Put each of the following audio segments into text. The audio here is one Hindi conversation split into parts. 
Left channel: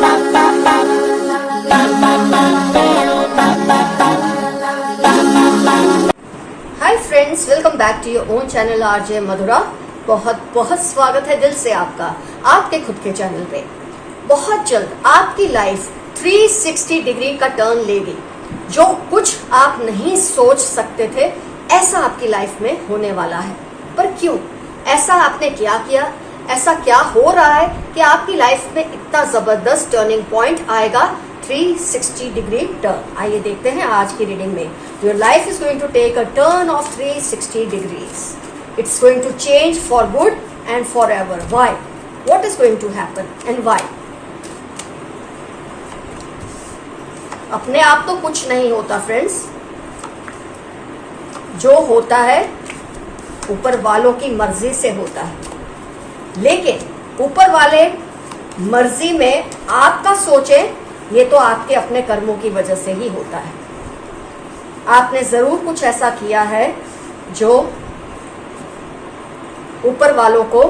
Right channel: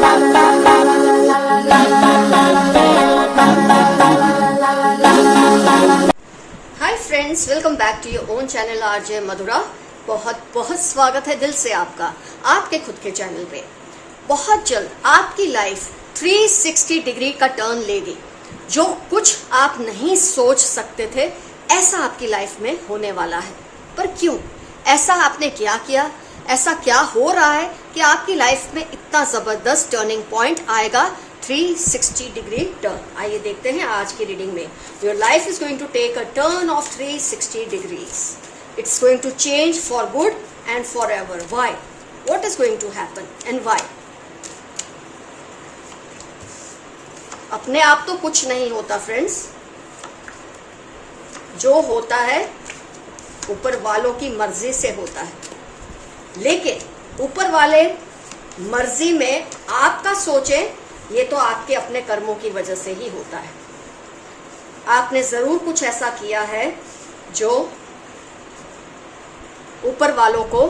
Hi friends, welcome back to your own channel RJ Madhura. बहुत बहुत स्वागत है दिल से आपका आपके खुद के चैनल पे। बहुत जल्द आपकी लाइफ 360 डिग्री का टर्न लेगी। जो कुछ आप नहीं सोच सकते थे ऐसा आपकी लाइफ में होने वाला है। पर क्यों? ऐसा आपने क्या किया? ऐसा क्या हो रहा है कि आपकी लाइफ में इतना जबरदस्त टर्निंग पॉइंट आएगा? 360 डिग्री टर्न। आइए देखते हैं आज की रीडिंग में। Your life is going to take a turn of 360 degrees. It's going to change for good and forever. Why? What is going to happen and why? अपने आप तो कुछ नहीं होता फ्रेंड्स। जो होता है ऊपर वालों की मर्जी से होता है, लेकिन ऊपर वाले मर्जी में आपका सोचे ये तो आपके अपने कर्मों की वजह से ही होता है। आपने जरूर कुछ ऐसा किया है जो ऊपर वालों को,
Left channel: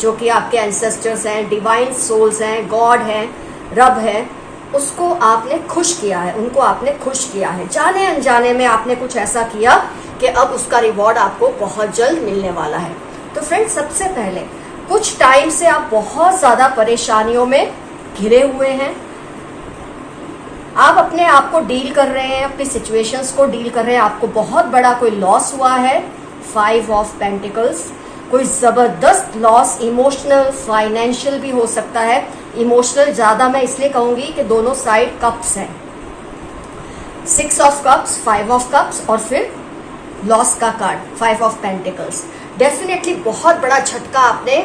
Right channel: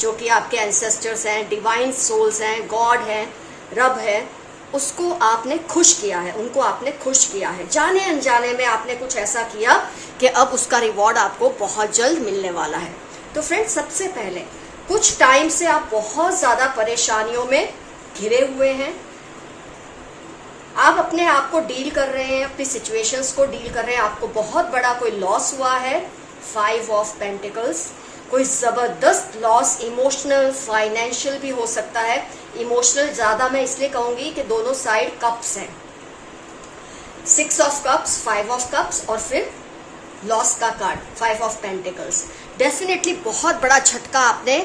जो कि आपके एंसेस्टर्स हैं, डिवाइन सोल्स हैं, गॉड हैं, रब है, उसको आपने खुश किया है, उनको आपने खुश किया है। जाने अनजाने में आपने कुछ ऐसा किया कि अब उसका रिवॉर्ड आपको बहुत जल्द मिलने वाला है। तो फ्रेंड्स, सबसे पहले कुछ टाइम से आप बहुत ज्यादा परेशानियों में घिरे हुए हैं। आप अपने आप को डील कर रहे हैं, अपनी सिचुएशंस को डील कर रहे हैं। आपको बहुत बड़ा कोई लॉस हुआ है, 5 ऑफ पेंटिकल्स। कोई जबरदस्त लॉस, इमोशनल, फाइनेंशियल भी हो सकता है। इमोशनल ज्यादा मैं इसलिए कहूंगी कि दोनों साइड कप्स हैं, 6 ऑफ कप्स, 5 ऑफ कप्स और फिर लॉस का कार्ड 5 ऑफ पेंटिकल्स। डेफिनेटली बहुत बड़ा झटका आपने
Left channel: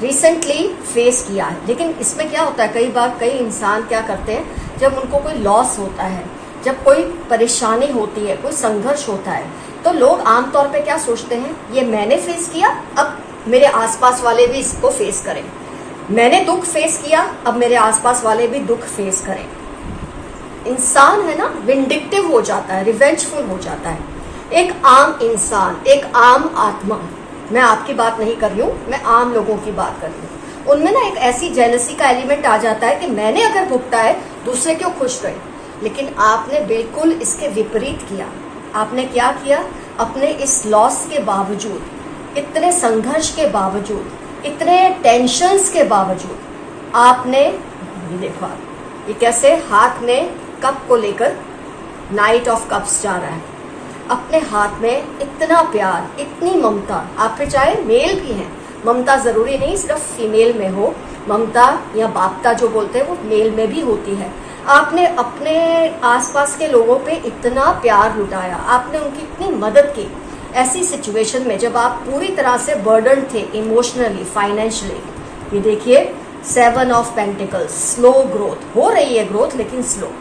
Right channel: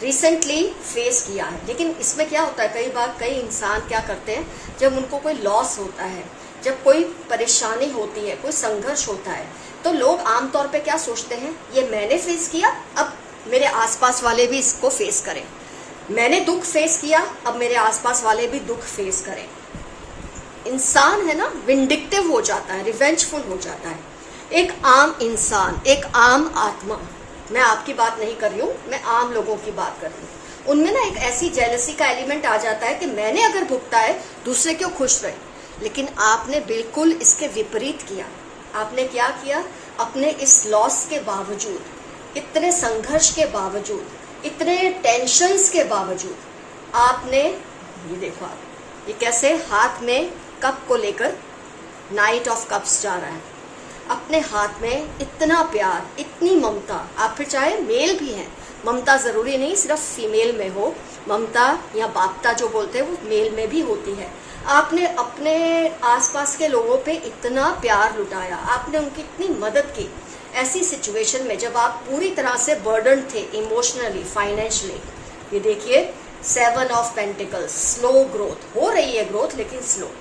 रिसेंटली फेस किया है। लेकिन इसमें क्या होता है, कई बार कई इंसान क्या करते हैं, जब उनको कोई लॉस होता है, जब कोई परेशानी होती है, कोई संघर्ष होता है, तो लोग आमतौर पे क्या सोचते हैं, ये मैंने फेस किया, अब मेरे आसपास वाले भी इसको फेस करें। मैंने दुख फेस किया, अब मेरे आसपास वाले भी दुख फेस करें। इंसान है ना, विंडिक्टिव हो जाता है, रिवेंजफुल हो जाता है। एक आम इंसान, एक आम आत्मा, मैं आपकी बात नहीं कर रही हूँ, मैं आम लोगों की बात कर रही हूँ, उनमें ना एक ऐसी जेलसी का एलिमेंट आ जाता है कि मैंने अगर भुगता है, दूसरे क्यों खुश रहे। लेकिन आपने बिल्कुल इसके विपरीत किया। आपने क्या किया? अपने इस लॉस के बावजूद, इतने संघर्ष के बावजूद, इतने टेंशन्स के बावजूद, आपने ये देखो, ये कैसे हाथ में कप को लेकर नाइट ऑफ कप्स जा रहा है। अपने हाथ में इतना प्यार, इतनी ममता। आप पे चाहे मेल भी हैं, ममता जरूरी नहीं सिर्फ फीमेल में हो, ममता या बापता जो बोलते हैं वो मेल में भी होती है। आपने अपने आसपास के लोगों पे इतना प्यार लुटाया, आपने उनकी इतनी मदद की ऐसी सिचुएशन में जब आप पूरी तरह से बर्डन थे, इमोशनली, फाइनेंशियली। ये देखिए 7 ऑफ पेंटिकल्स, स्लो ग्रोथ हो रही है, ग्रोथ लेकिन स्लो।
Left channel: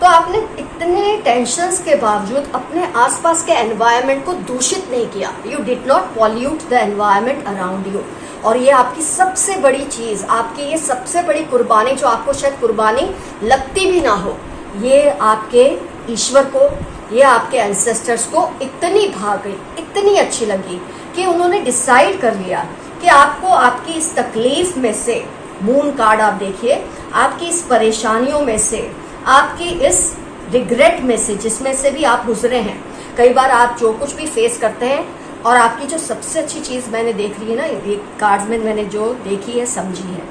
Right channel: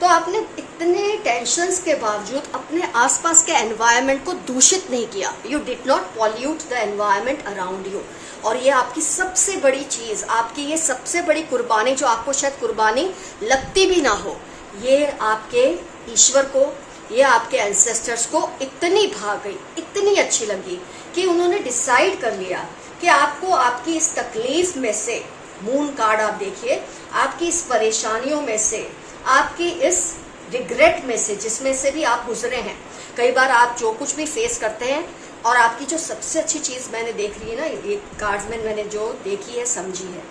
तो आपने इतने टेंशन्स के बावजूद अपने आसपास के एनवायरनमेंट को दूषित नहीं किया। You did not pollute the environment around you. और ये आपकी सबसे बड़ी चीज, आपकी ये सबसे बड़ी कुर्बानी, जो आपको शायद कुर्बानी लगती भी ना हो, ये आपके ईश्वर को, ये आपके एंसेस्टर्स को इतनी भा गई, इतनी अच्छी लगी कि उन्होंने डिसाइड कर लिया कि आपको आपकी इस तकलीफ में से, मून कार्ड आप देखिए, आपकी इस परेशानियों में से, आपकी इस रिग्रेट में से, जिसमें से भी आप गुजरे हैं, कई बार आप जो कुछ भी फेस करते हैं, और आपकी जो सबसे अच्छी चीज मैंने देख ली है ना, ये कार्ड्स में मैंने जो देखी है, समझी है,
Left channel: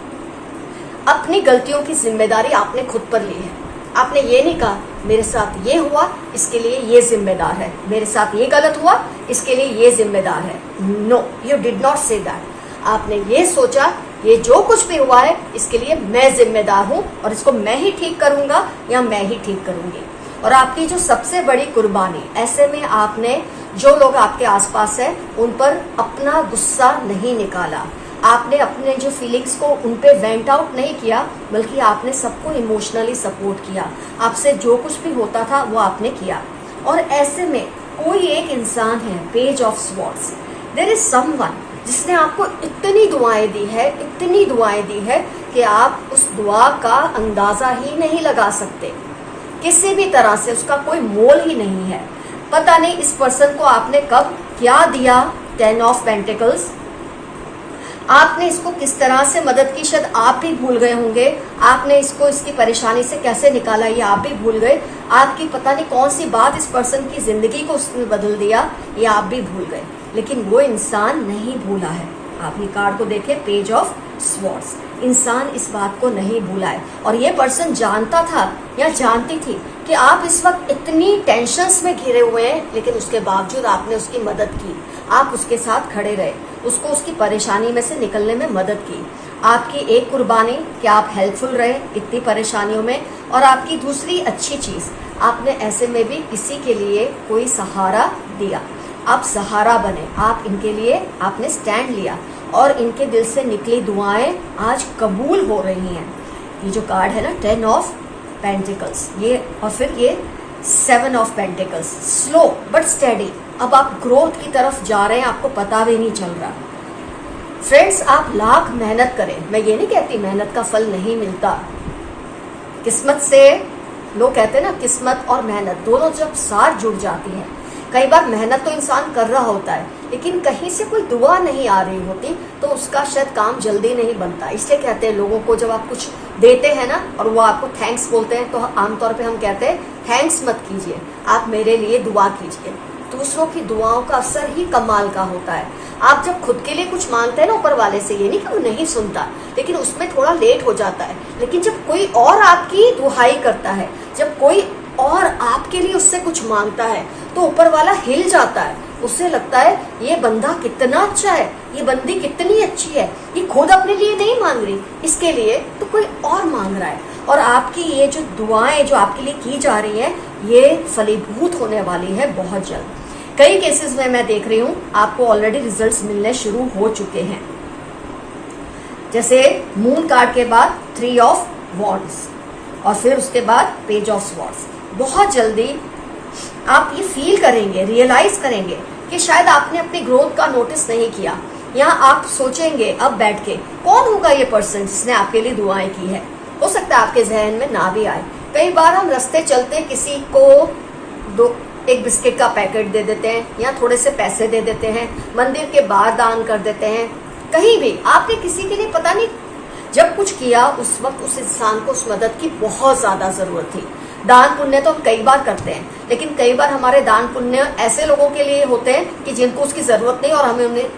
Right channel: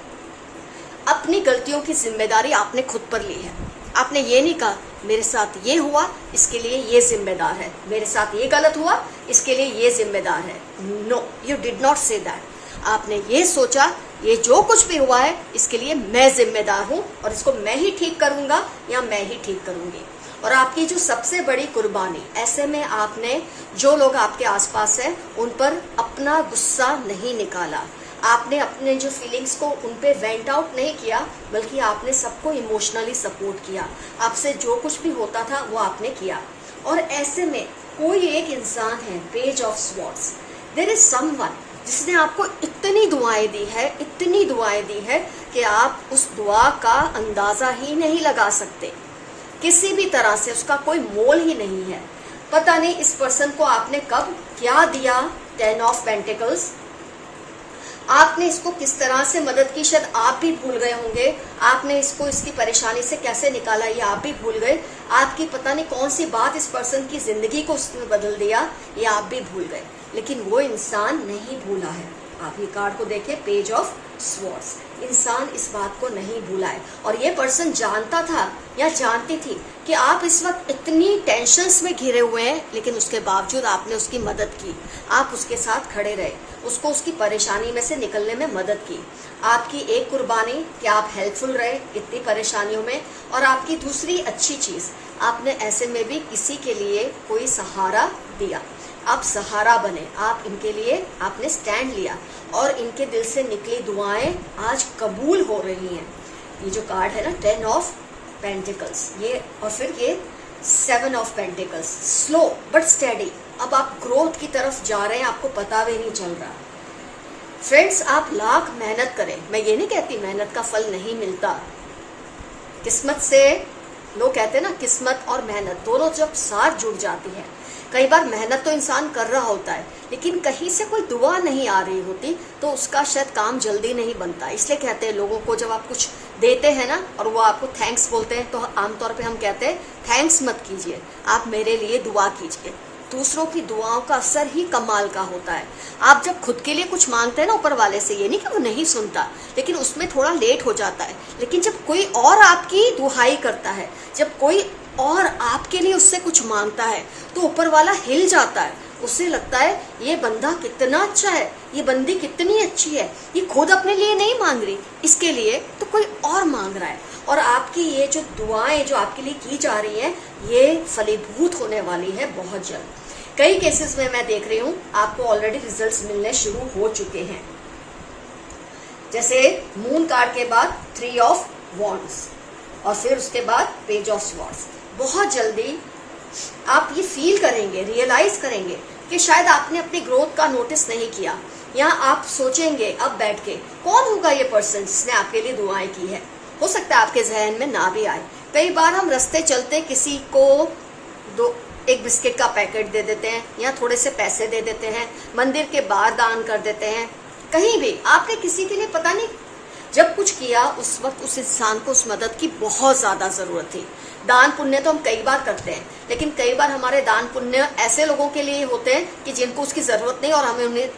अपनी गलतियों की जिम्मेदारी आपने खुद पर ली है। आपने ये नहीं कहा मेरे साथ ये हुआ इसके लिए ये जिम्मेदार है, मेरे साथ ये गलत हुआ इसके लिए ये जिम्मेदार है। No, you did not say that. आपने ये सोचा ये जो कुछ भी हुआ है इसके लिए मैं जिम्मेदार हूं और इसको मैं ही ठीक करूंगा या मैं ही ठीक करूंगी। और आपकी जो सबसे बड़ी कुर्बानी, ऐसे में आपने जो लोग आपके आसपास है उन पर अपना गुस्सा नहीं निकाला, आपने अपने जो फीलिंग्स को उन पे वेंट आउट नहीं किया, बल्कि आपने सबको इमोशनली सपोर्ट किया। आपसे जो कुछ भी होता था वो आपने किया। और ऐसे में कोई एक इंसान है, page of swords, there is someone जिसने आपको इतनी दुआएं दी है, इतनी दुआएं दी है कि आप उस दुआ का अंदाजा ही नहीं लगा सकते। किसी भी तरह से उसका कोई मोल ही नहीं है। पता नहीं इस पर्सन को आपने कब क्या दिया। 10 ऑफ पेंटिकल्स, आपने इसको किस तरह से मदद की शायद आप भी भूल गए होंगे। आपने इसको इसकी परेशानी से कैसे निकाला ये आप भी भूल गए। आपकी पता नहीं कौन सी बात इस पर्सन की जिंदगी को उसने बदल दिया, ये आप भी भूल गए, लेकिन वो इंसान नहीं भूला है। आप ये कार्ड को देखें, पेज ऑफ स्वॉर्ड्स, इंसान इस बात को नहीं भूला है। और ये पर्सन जानता था या जानती थी कि आप इस वक्त इतनी टेंशन्स में घिरे हुए हैं, लेकिन उसके बावजूद आपने उसकी मदद की, आप उसके साथ खड़े रहे, उसको उसकी परेशानी में से निकलने में मदद की। आपकी एक कुर्बानी कि आप हेल्पफुल रहे इतनी परेशानियों में, और आपकी दूसरी अच्छी चीज, आपने ऐसे में भी किसी के लिए कोई सहारा दिया। आप सहारा बने, आप इनके लिए आपने स्टैंड लिया, और इनके दिल से निकली दुआएं आज कबूल हो रही हैं। ये जो कार्ड है ना, 10 ऑफ पेंटिकल्स, ये और फिर ये 7 of pentacles, slow but steady. अब आप ग्रोथ की तरफ जा रहे हैं, आपको पता भी नहीं चल रहा। फ्रेंड्स, आप लाख मेहनत करें, मैं ये नहीं कहती मेहनत का फल नहीं मिलता। किस्मत से, लोग कहते हैं ना, किस्मत और मेहनत दोनों जब साथ जुड़ जाती है, कई बार मेहनत तो इंसान कर रहा होता है, लेकिन कहीं से कोई दुआ नहीं आ रही होती, तो उसका शायद काम जल्दी नहीं बनता। इसलिए कहते हैं लोगों को, जब आप कुछ देते हैं ना और वो आपको थैंक्स बोलते हैं, तो आमतौर पे हम कहते हैं थैंक्स मत कीजिए, आप मेरे लिए दुआ कीजिए। दूसरों की दुआओं का असर ही कमाल का होता है। आप जब खुद के लिए कुछ मांगते हैं ना ऊपर वाले से, ये नहीं कि वो नहीं सुनता, लेकिन उसमें थोड़ा लेट हो जाता है। लेकिन जब कोई और आपकी दुहाई करता है, जब कोई और आपके लिए उससे कुछ मांगता है, तो ऊपर वाला हिल जाता है। उसे लगता है ये बंदा कितना अच्छा है, ये बंदी कितनी अच्छी है, ये खुद अपने लिए नहीं मांग रही, इसके लिए तो कोई और मांग रहा है। और आपकी ये जो दुआएं जो आपके लिए की जा रही हैं, ये फलीभूत होने वाली है बहुत जल्द। कई केसेस में मैं देख रही हूँ आपको ऑलरेडी रिजल्ट्स मिलने शुरू हो चुके हैं। जैसे मून कार्ड के बाद 3 ऑफ वॉन्ड्स, और फिर उसके बाद पेज ऑफ स्वॉर्ड्स। बहुत जल्दी आप ये फील करेंगे, रियलाइज करेंगे कि शायद आपने अपनी ग्रोथ का नोटिस नहीं किया, या आप सोचेंगे अब बैठ के कौन होगा ये पर्सन जिसने आपके लिए दुआएं की है। हो सकता है आपके जहन में ना भी आए। कई बार हम रास्ते चलते किसी को एक बिस्किट का पैकेट दे देते हैं, या थोड़े से पैसे दे देते हैं, मंदिर के बाहर दान कर देते हैं, कहीं भी आपने किसी के लिए पता नहीं जब कुछ किया, उस वक्त उस इंसान को उस मदद की बहुत ज्यादा जरूरत थी। दान पुण्य तो हम कई बार करते हैं, लेकिन कई बार हमारे दान पुण्य ऐसे लोगों के लिए होते हैं कि जिनको उसकी जरूरत नहीं और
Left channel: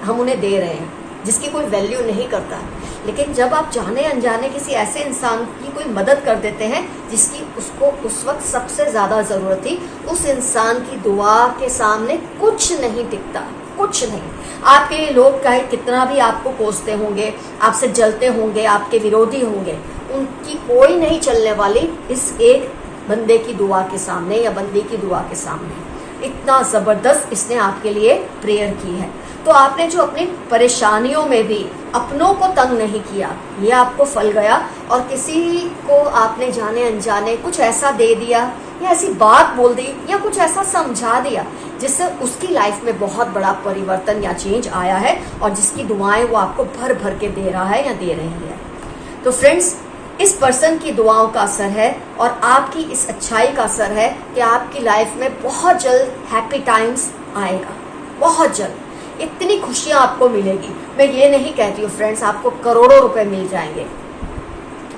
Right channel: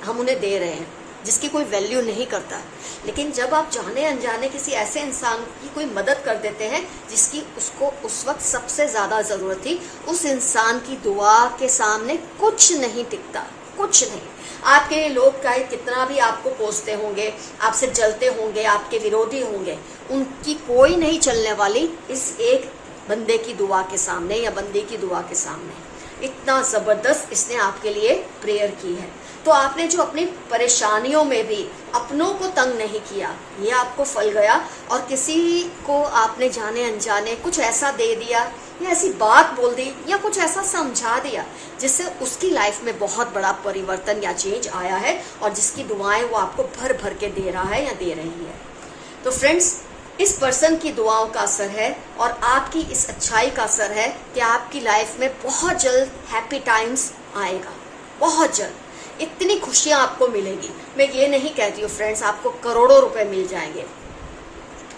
हम उन्हें दे रहे हैं, जिसकी कोई वैल्यू नहीं करता। लेकिन जब आप जाने अनजाने किसी ऐसे इंसान की कोई मदद कर देते हैं जिसकी उसको उस वक्त सबसे ज्यादा जरूरत थी, उस इंसान की दुआ के सामने कुछ नहीं टिकता, कुछ नहीं। आपके लोग चाहे कितना भी आपको कोसते होंगे, आपसे जलते होंगे, आपके विरोधी होंगे, उनकी कोई नहीं चलने वाली इस एक बंदे की दुआ के सामने या बंदी की दुआ के सामने। इतना जबरदस्त इसने आपके लिए प्रेयर की है। तो आपने जो अपनी परेशानियों में भी अपनों को तंग नहीं किया, ये आपको फल गया। और किसी को आपने जाने अनजाने कुछ ऐसा दे दिया, या ऐसी बात बोल दी, या कुछ ऐसा समझा दिया जिससे उसकी लाइफ में बहुत बड़ा परिवर्तन या चेंज आया है, और जिसकी दुआएं वो आपको भर भर के दे रहा है या दे रही है। तो फ्रेंड्स, इस पर्सन की दुआओं का असर है और आपकी इस अच्छाई का असर है कि आपकी लाइफ में बहुत जल्द हैप्पी टाइम्स आएगा, बहुत जल्द इतनी खुशियां आपको मिलेगी। मैं ये नहीं कहती हूँ फ्रेंड्स आपको करोड़ों रुपए मिल जाएंगे,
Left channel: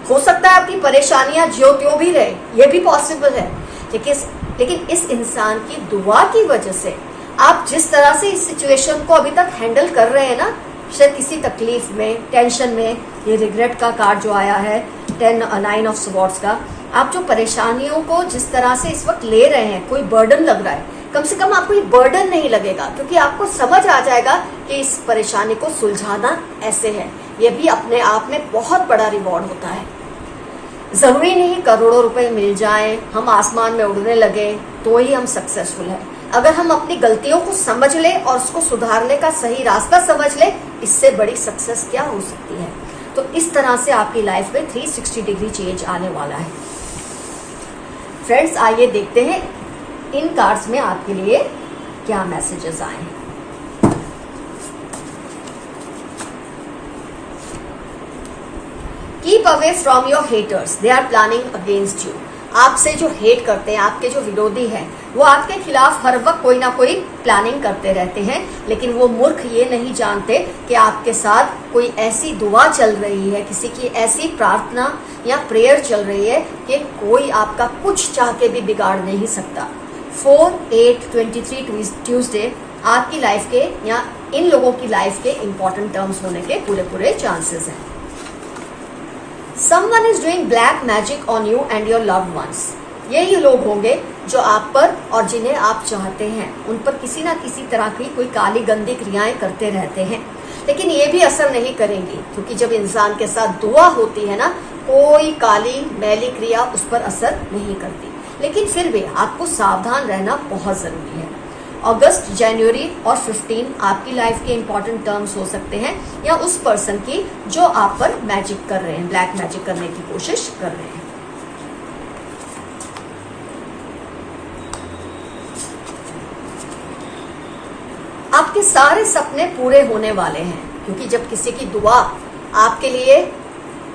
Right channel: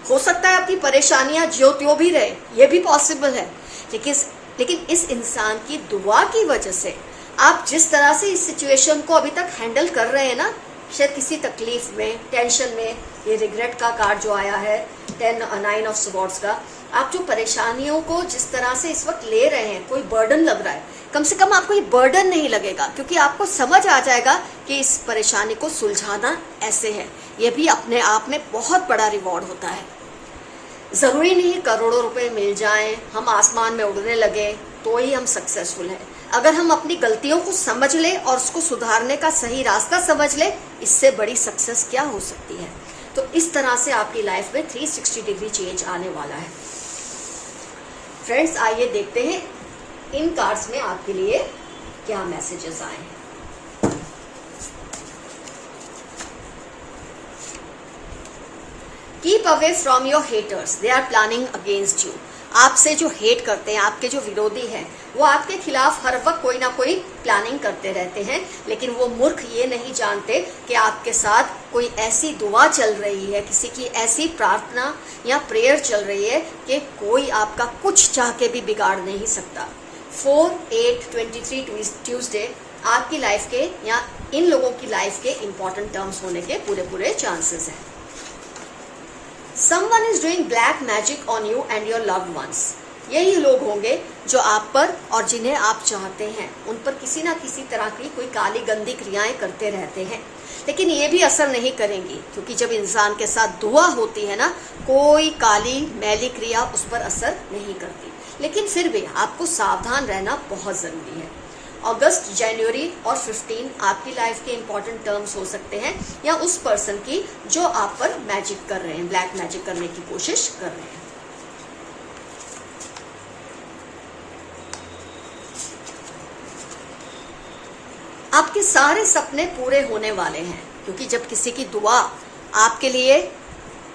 हो सकता है आपकी परेशानियां ज्यों त्यों भी रहे, ये भी पॉसिबल है, लेकिन इस इंसान की दुआ की वजह से आप जिस तरह से इस सिचुएशन को अभी तक हैंडल कर रहे हैं ना, शायद किसी तकलीफ में, टेंशन में, ये रिग्रेट का कार्ड जो आया है 9 ऑफ स्वॉर्ड्स का, आप जो परेशानियों को जिस तरह से इस वक्त ले रहे हैं, कोई बर्डन लग रहा है, कम से कम आपको ये बर्डन नहीं लगेगा, क्योंकि आपको समझ आ जाएगा कि इस परेशानी को सुलझाना ऐसे है। ये भी अपने आप में बहुत बड़ा रिवॉर्ड होता है। जरूरी नहीं करोड़ों रुपए मिल जाएं, हम आसमान में उड़ने लगे तो ही हम सक्सेसफुल हैं। अगर हम अपनी गलतियों को समझ ले और उसको सुधारने का सही रास्ता समझ ले, इससे बड़ी सक्सेस क्या हो सकती है। तो इस तरह से आपकी लाइफ में 360 डिग्री चेंज आने वाला है। फ्रेंड्स, आइए देखते हैं इन कार्ड्स में आपके लिए क्या मैसेजेस आए हैं। Keep away from your haters. They are planning against you. आपसे जो हेट करते हैं, आपके जो विरोधी हैं, वो आपके खिलाफ हर वक्त कोई ना कोई प्लानिंग करते रहते हैं, लेकिन वो मूर्ख ये नहीं जानते कि आपके साथ कोई ऐसी दुआ चल रही है, किसी की ऐसी प्रार्थना या प्रेयर चल रही है कि कोई आपका कुछ चाह के भी बिगाड़ नहीं सकता। 4/8/23 ट्यूसडे आपकी लाइफ के या इन लोगों की लाइफ के इंपॉर्टेंट टर्म्स होने के पूरे चांसेस हैं। Someone is doing black magic on you and your loved ones. यही लोग होंगे जो आप पर और जिन्हें आप चाहते हैं उन पर किसी ना किसी तरह की कोई काली गंदी क्रियाएं करते रहते हैं, लेकिन ये भी असर नहीं करेंगी, क्योंकि जब इंसान के साथ दुआ होती है ना, कोई काली मैली क्रिया उस पर असर नहीं करती। लेकिन फिर भी आपको सावधान रहना बहुत जरूरी है। अगस्त, जनवरी और 15 आपकी लाइफ के इंपॉर्टेंट टर्म्स हो सकते हैं, या उस पर्सन की जो आप पर मैजिक कर रहे हैं, ब्लैक मैजिक करने की कोशिश कर रहे हैं। आपके सारे सपने पूरे होने वाले हैं, क्योंकि जब किसी की दुआ आपके लिए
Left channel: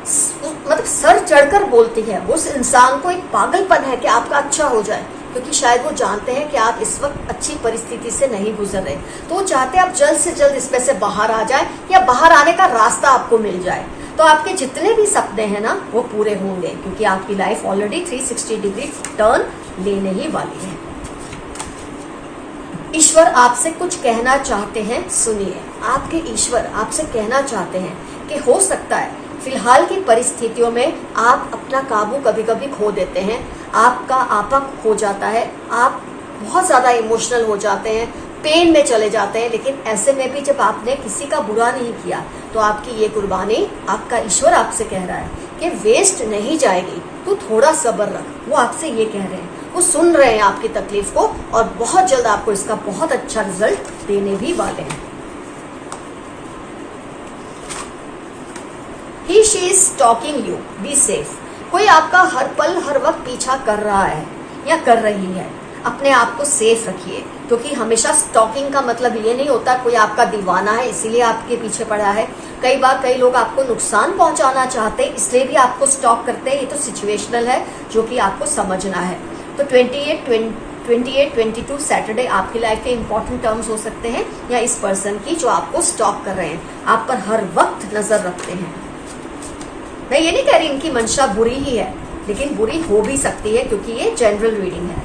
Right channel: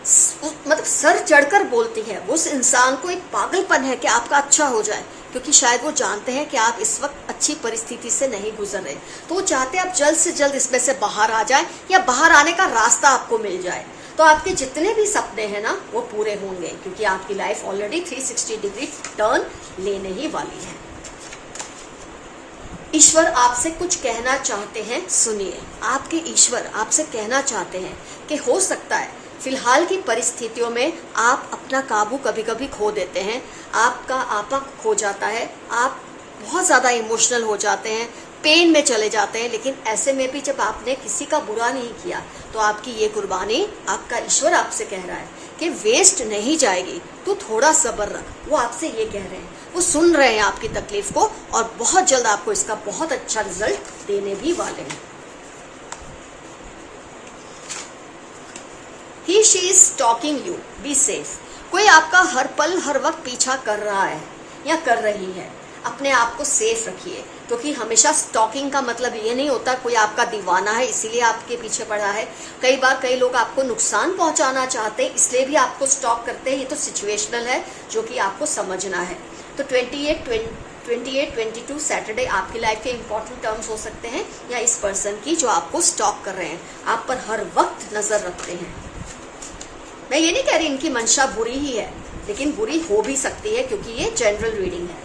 मतलब सर चढ़कर बोलती है, उस इंसान को एक पागलपन है कि आपका अच्छा हो जाए, क्योंकि शायद वो जानते हैं कि आप इस वक्त अच्छी परिस्थिति से नहीं गुजर रहे, तो वो चाहते हैं आप जल्द से जल्द इसमें से बाहर आ जाए या बाहर आने का रास्ता आपको मिल जाए। तो आपके जितने भी सपने हैं ना, वो पूरे होंगे, क्योंकि आपकी लाइफ ऑलरेडी 360 डिग्री टर्न लेने ही वाली है। ईश्वर आपसे कुछ कहना चाहते हैं, सुनिए। आपके ईश्वर आपसे कहना चाहते हैं कि हो सकता है फिलहाल की परिस्थितियों में आप अपना काबू कभी कभी खो देते हैं, आपका आपा खो जाता है, आप बहुत ज्यादा इमोशनल हो जाते हैं, पेन में चले जाते हैं, लेकिन ऐसे में भी जब आपने किसी का बुरा नहीं किया तो आपकी ये कुर्बानी, आपका ईश्वर आपसे कह रहा है कि वेस्ट नहीं जाएगी, तू थोड़ा सब्र रख। वो आपसे ये कह रहे हैं, वो सुन रहे हैं आपकी तकलीफ को, और बहुत जल्द आपको इसका बहुत अच्छा रिजल्ट देने भी वाले हैं। He she is stalking you, be safe. कोई आपका हर पल हर वक्त पीछा कर रहा है या कर रही है, अपने आप को सेफ रखिए, क्योंकि हमेशा स्टॉकिंग का मतलब ये नहीं होता कोई आपका दीवाना है इसीलिए आपके पीछे पड़ा है। कई बार कई लोग आपको नुकसान पहुंचाना चाहते हैं, इसलिए भी आपको स्टॉक करते हैं। ये तो सिचुएशनल है जो कि आपको समझना है। तो 28-22 सैटरडे आपकी लाइफ के इंपॉर्टेंट टर्म्स हो सकते हैं, या इस पर्सन की जो आपको स्टॉक कर रहे हैं, आप पर हर वक्त नजर रखते हैं। मैं ये नहीं कह रही इनकी मंशा बुरी ही है, लेकिन बुरी हो भी सकती है, क्योंकि ये जनरल रीडिंग है।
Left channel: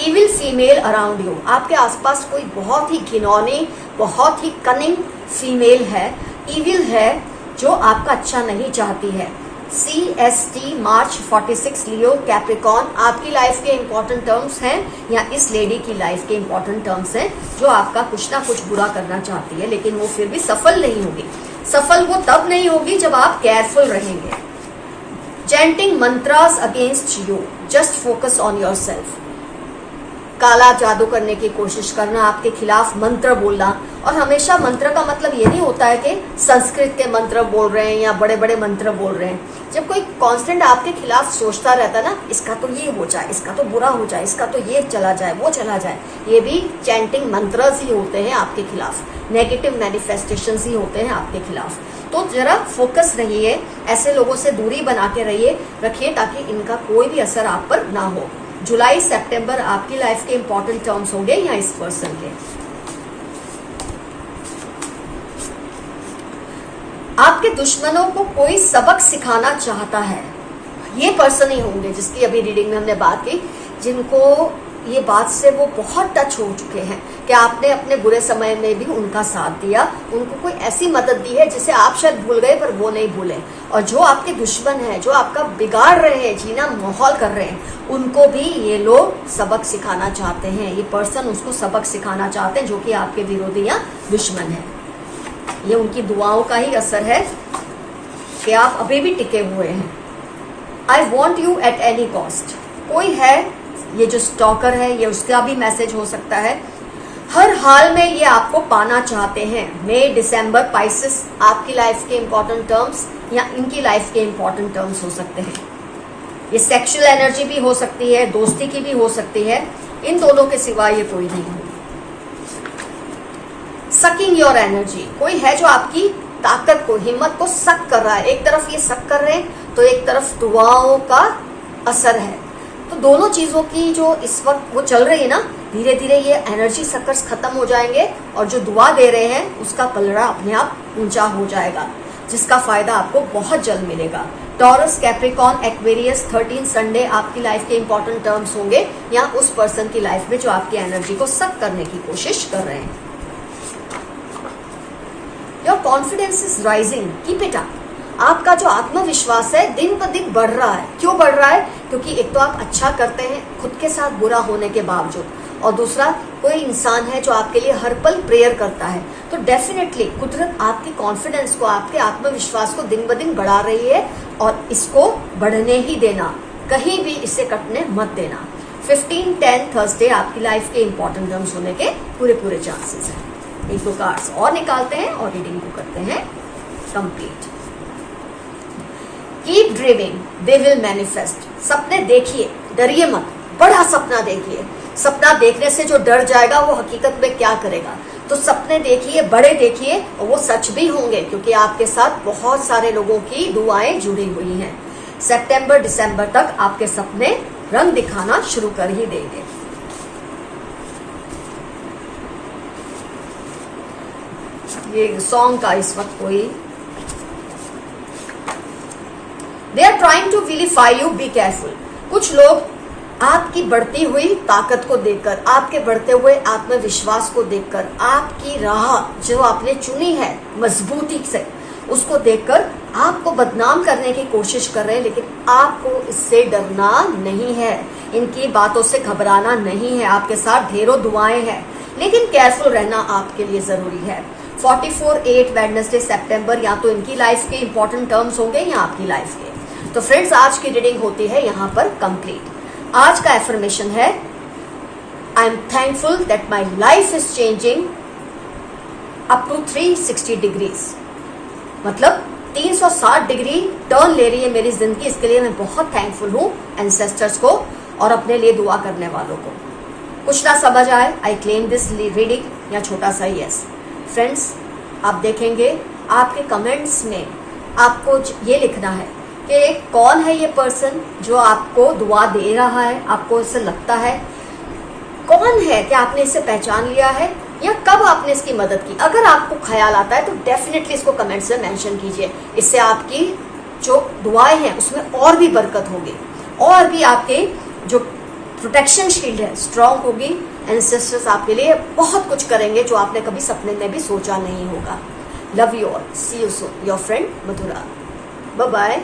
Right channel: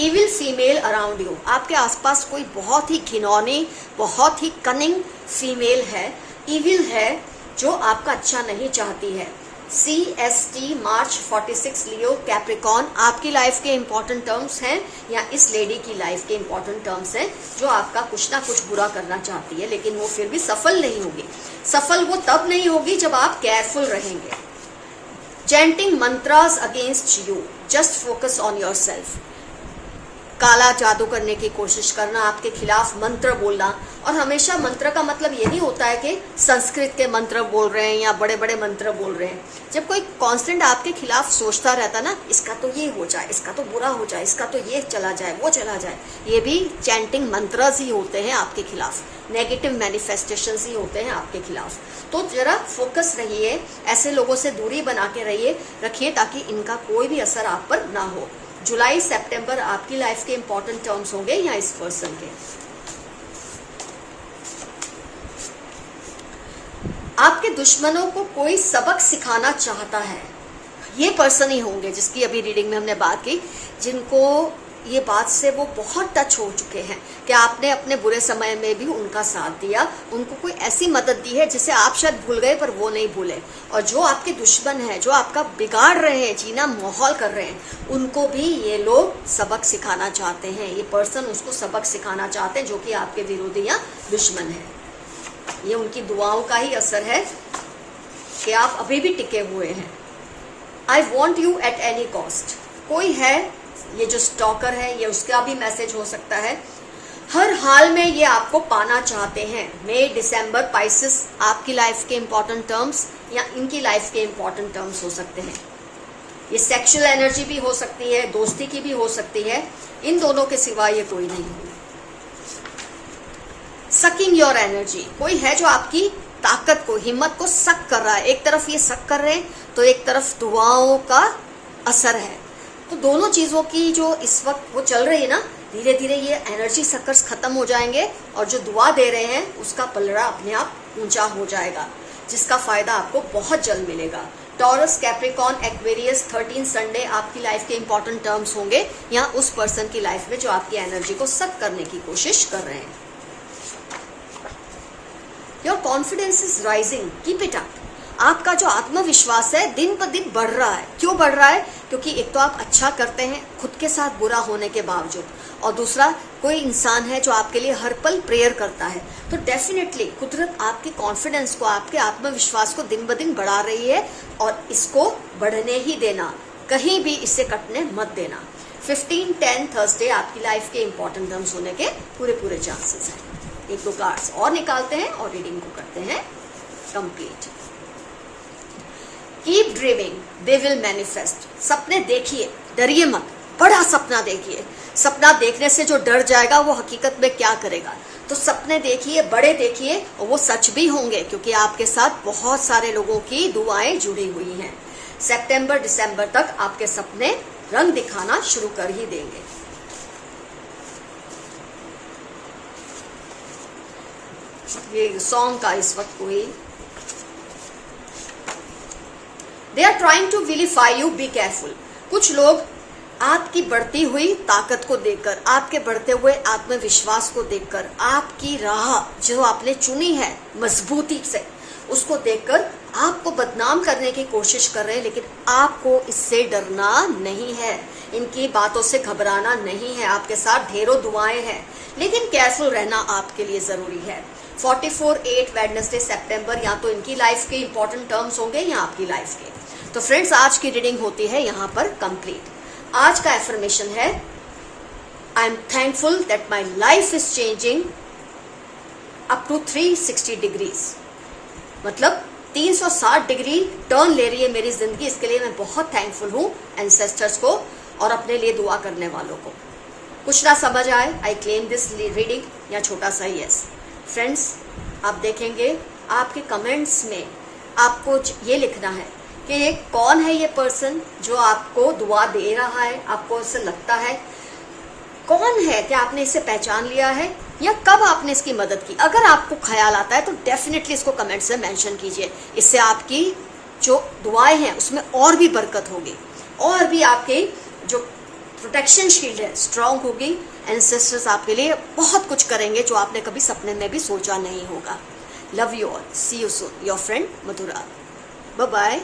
इविल फीमेल अराउंड यू, आपके आसपास कोई बहुत ही घिनौनी, बहुत ही कनिंग फीमेल है, इविल है, जो आपका अच्छा नहीं चाहती है। CST मार्च 46 लियो कैप्रिकॉन आपकी लाइफ के इंपॉर्टेंट टर्म्स हैं, या इस लेडी की लाइफ के इंपॉर्टेंट टर्म्स हैं, जो आपका कुछ ना कुछ बुरा करना चाहती है, लेकिन वो फिर भी सफल नहीं होगी। सफल वो तब नहीं होगी जब आप केयरफुल रहेंगे। Chanting mantras against you, just focus on yourself. काला जादू करने की कोशिश करना, आपके खिलाफ मंत्र बोलना, और हमेशा मंत्र का मतलब ये नहीं होता है कि संस्कृत के मंत्र बोल रहे हैं या बड़े बड़े मंत्र बोल रहे हैं। जब कोई कांस्टेंट आपके खिलाफ सोचता रहता ना, इसका तो ये हो जाए, इसका तो बुरा हो जाए, इसका तो ये चला जाए, वो चला जाए, ये भी चैंटिंग मंत्रस ही होते हैं आपके खिलाफ, नेगेटिव मैनिफेस्टेशंस ही होते हैं आपके खिलाफ। तो जरा फोकस रहिए, ऐसे लोगों से दूरी बना के रखिए, ताकि इनका कोई भी असर आप पर ना हो। जुलाई सितंबर आपकी लाइफ के इंपॉर्टेंट टर्म्स होंगे, या इस पर्सन के। आपके दुश्मनों को कोई सबक सिखाना चाहता है, ये पर्सन ही होंगे जिसकी अभी रीडिंग में हमने बात की, जिनको ये बात से वो बहुत टच हो चुके हैं कि आपने अपने बुरे समय में भी उनका साथ दिया, उनको कोई ऐसी मदद दी है जिसे आप शायद भूल गए पर वो नहीं भूले। और जो आपके दुश्मन हैं, जो आपका बिगाड़ रहे हैं, जीना माहौल कर रहे हैं, उनको भी ये लोग सबक सिखाना चाहते हैं। ये पर्सन उसको सबक सिखाना चाहते हैं, जो कि आपके विरोधी या दुश्मन है। ये उनकी दुआओं का ही असर है कि आप अभी भी टिके हुए हैं। I want you at any cost, कोई है, ये जो स्टॉकर है, ये उसका भी मैसेज हो सकता है। हर हाल में ये आपको पाना चाहते हैं। मई दिसंबर पाइसेस आपकी लाइफ के इंपॉर्टेंट टर्म्स, या इनकी लाइफ के इंपॉर्टेंट टर्म्स हो सकते हैं। ये सेक्सुअल एनर्जी भी हो सकती है, दोस्ती की भी हो सकती है, इन दोनों के सिवा ये कोई नहीं है। सकिंग योर एनर्जी, कोई है जो आपकी ताकत को, हिम्मत को सक कर रहा है। एक तरफ ये सक कर रहे हैं, तो एक तरफ दुआओं का असर है। तो दोनों चीजों की जो इस वक्त वो चल रही है ना, धीरे धीरे ये एनर्जी सक्कर्स खत्म हो जाएंगे और जो दुआ दे रहे हैं उसका पलड़ा अपने आप ऊंचा हो जाएगा, जिसका फायदा आपको बहुत जल्द मिलेगा। टॉरस, कैप्रिकॉर्न, एक्वेरियस 13 संडे आपकी लाइफ के इंपॉर्टेंट टर्म्स होंगे या उस पर्सन की लाइफ में जो आपकी एनर्जी को सक करने की कोशिश कर रहे हैं। Your confidence is rising, keep it up. आपका जो आत्मविश्वास है दिन ब दिन बढ़ रहा है। क्यों बढ़ रहा है? क्योंकि एक तो आप अच्छा करते हैं खुद के साथ बुरा होने के बावजूद, और दूसरा कोई इंसान है जो आपके लिए हर पल प्रेयर करता है। तो डेफिनेटली कुदरत आपके कॉन्फिडेंस को, आपके आत्मविश्वास को दिन ब दिन बढ़ा रही है, और इसको बढ़ने ही देना, कहीं भी इसे कटने मत देना। 15-10 थर्सडे आपकी लाइफ के इंपॉर्टेंट टर्म्स होने के पूरे चांसेस हैं। एक दो कार्ड्स और निकालते हैं और रीडिंग को करते हैं complete. Keep dreaming, they will manifest. सपने देखिए, डरिए मत, बड़ा सपना देखिए। सपना देखने से जो डर जाएगा वो हकीकत में क्या करेगा। तो सपने देखिए, बड़े देखिए, और वो सच भी होंगे, क्योंकि आपके साथ बहुत सारे लोगों की दुआएं जुड़ी हुई हैं। सितंबर दिसंबर तक आपके सपने रंग दिखाना शुरू कर ही देंगे। ये सॉन्ग का इस वक्त कोई, they are trying to vilify you, be careful. कुछ लोग आपकी बढ़ती हुई ताकत को देखकर, आपके बढ़ते हुए आत्मविश्वास को देखकर, आपकी राह जो आपने चुनी है मजबूती से, उसको देखकर आपको बदनाम करने की कोशिश कर रहे हैं। लेकिन आपको इससे डरना नहीं है, इनकी बातों से घबराना नहीं है। आपके साथ ढेरों दुआएं हैं, लेकिन केयरफुल रहना आपके लिए जरूरी है। 44-8 वेडनेसडे सितंबर, या तो इनकी लाइफ के इंपॉर्टेंट टर्म्स होंगे या आपकी लाइफ के। तो फ्रेंड्स, आज की रीडिंग होती है यहाँ पर कंप्लीट। आज का एफर्मेशन है, I am thankful that my life is changing up to 360 degrees. मतलब 360 डिग्री टर्न ले रही है मेरी जिंदगी। इसके लिए मैं बहुत थैंकफुल हूँ एंसेस्टर्स को और अपने लिए दुआ करने वालों को। कुछ ना समझ आए, आई क्लेम दिस रीडिंग, या छोटा सा यस। फ्रेंड्स, आप देखेंगे आपके कमेंट्स में आपको ये लिखना है कि कौन है ये पर्सन जो आपको दुआ दे रहा है। आपको इससे लगता है कौन है, क्या आपने इसे पहचान लिया है, या कब आपने इसकी मदद की। अगर आपको ख्याल आता है तो डेफिनेटली इसको कमेंट्स में मेंशन कीजिए। इससे आपकी जो दुआएं हैं उसमें और भी बरकत होगी, और भी आपके जो प्रोटेक्शन शील्ड है स्ट्रांग होगी। एंसेस्टर्स आपके लिए बहुत कुछ करेंगे जो आपने कभी सपने में भी सोचा नहीं होगा। Love you all, see you soon, your friend Madhura. Bye bye.